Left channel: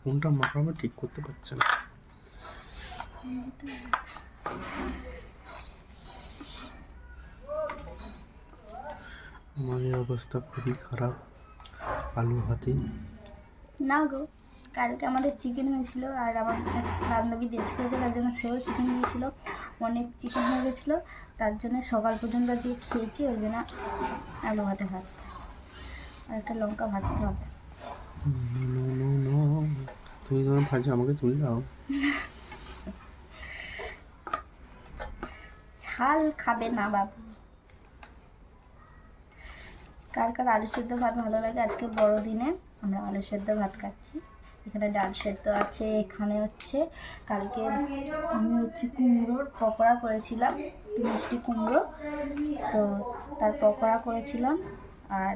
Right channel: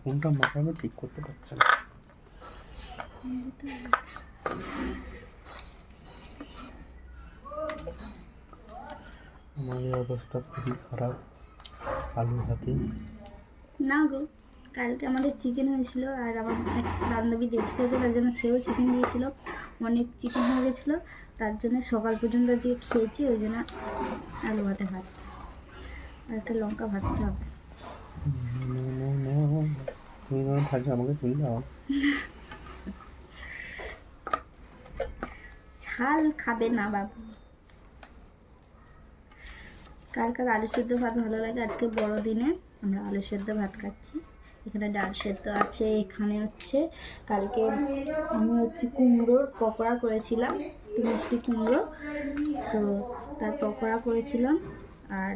ফোনটা মাখানো ঠিক করতে পারছে না। আমার এই অবস্থা খুবই খারাপ আলু ভাতে। না গো, কালকে আমাদের চিকেন হয়েছিল আর আমার বান্ধবী দেখে খেয়েছে, তার জন্য সেও চিকেন দিয়েছিল। অনেক চিকেন হয়ে গেছিলো, তার জন্য সকাল পর্যন্ত যে খেয়েছি, ওই জন্য আলু ভাতে ভাত আর একটা লঙ্কা ভাজতে হবে। তুমি যখন ভাজি আমাকে তুলে দাও। ঝাল খাবে না বাবু। কার কার আলু সেদ্ধ ভাত ভালো লাগে? আজকে বড়দিনে আমরা আলু সেদ্ধ ভাত খাচ্ছি। এখানে ডাল সেদ্ধ আছে, এখানে হচ্ছে কালকে আমি কুমড়োর পকোড়া করেছিলাম, মিষ্টি কুমড়ো, তো তার পকোড়া করেছিলাম। আর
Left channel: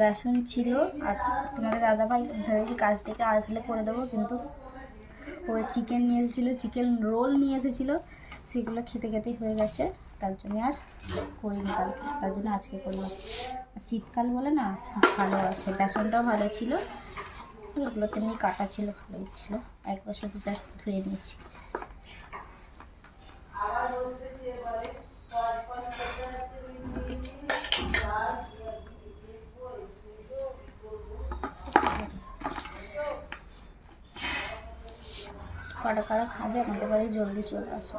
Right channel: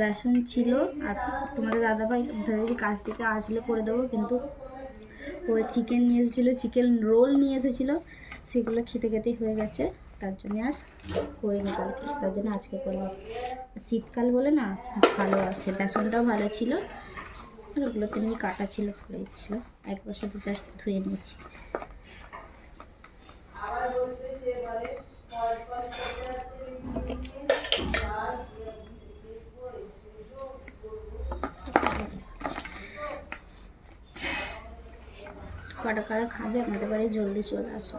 বেসন ছিল। আর তোমাদের দাদাভাই ভেবেছি কাজ থেকে আসলে করে দেবো, কিন্তু ও চিকেন নিয়ে এসেছিলো, চিকেন রোল নিয়ে এসেছিলো, সেগুলো খেতে খেতেই হয়ে গেছে, তার জন্য আর করিনি কালকে, তার জন্য আজকে করলাম। শীতকাল বলে না, ভালো আছে, বেসনটাও ভালো ছিল, ওগুলো তেমনি কাটা ছিল, ভালোই ছিল। একবার শুধু জাস্ট ধুয়ে নিয়েছি। কারা কারা খাবে আমাদের বাড়ি জলদি চলে আসো।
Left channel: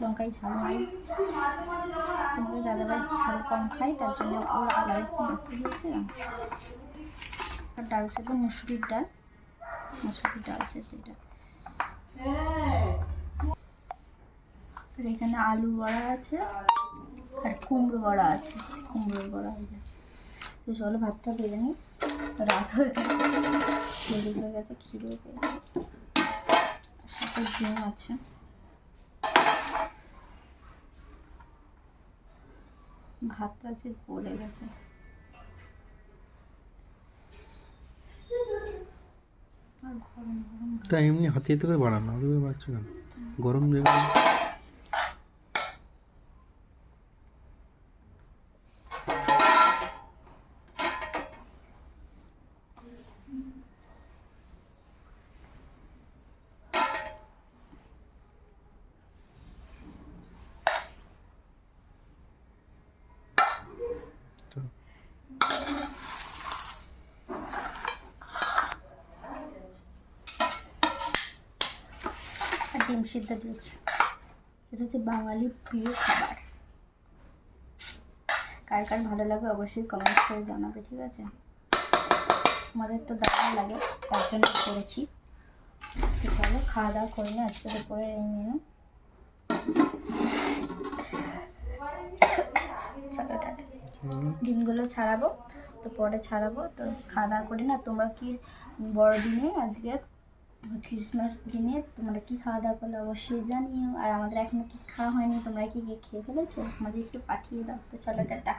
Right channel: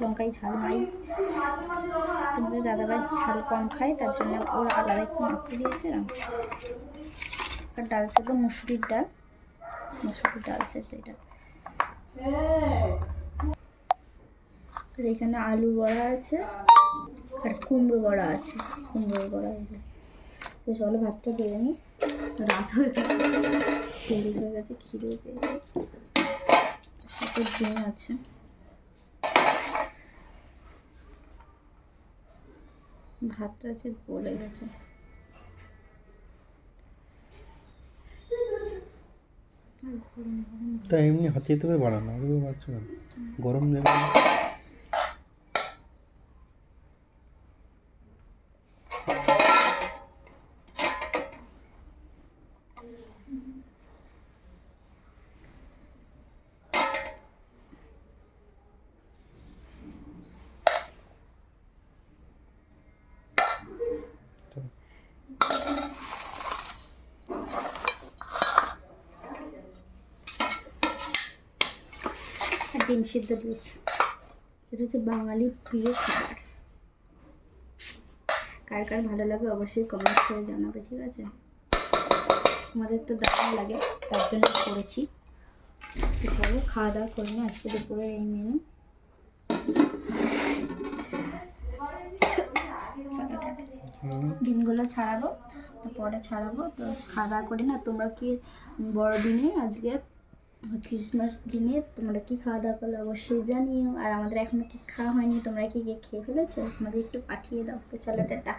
লঙ্কায় ঝাল মারি, তোমাদের দাদাভাই ঝাল কম খায়, তার জন্য ওর আলাদা একটু মাখিয়ে দিয়েছে। আর ডাল সেদ্ধ, মুসুরির ডাল সেদ্ধ এটা। আর এখানে আলু বড়া আছে আর কুমড়ো বড়া আছে, কুমড়োর বড়া। তো চলো ভাতটা বেড়ে নিই, রাত হয়ে গেছে, দেরি হয়ে গেছে, খিদে পেয়েছে। সাথে ডিম আছে। ভাতটা যে গলে গেছে। তা এমনি হাতে থেকে বাড়ানো আলু বাড়ছে না, গরম দেবে। ডিম সিদ্ধ দিয়েছি, এটা হচ্ছে বাঙালির প্রিয় খাবার। কার কার ভালো লাগে অবশ্যই কমেন্ট করে জানাবে, ঠিক আছে? আমাদের তো দারুণ লাগে, তার জন্য করেছি। চলো খাওয়া দাওয়া করে নিই, আজকে দুপুরের এই মেনু। ডিমগুলো ছাড়াবো, তো পরে ছাড়াবো, তো খাওয়া দাওয়া করি না। তোমরা কি বড়দিনে আজকে ক্রিসমাস দিনে তোমরা কি খাওয়া দাওয়া করলে অবশ্যই জানিও। আর আমাদের এখনো কি খাওয়া হয়নি, তোমরা কি খেয়ে ফেলেছো? আমাদের একটু পাঠিয়ে দাও। তো চলো টাটা।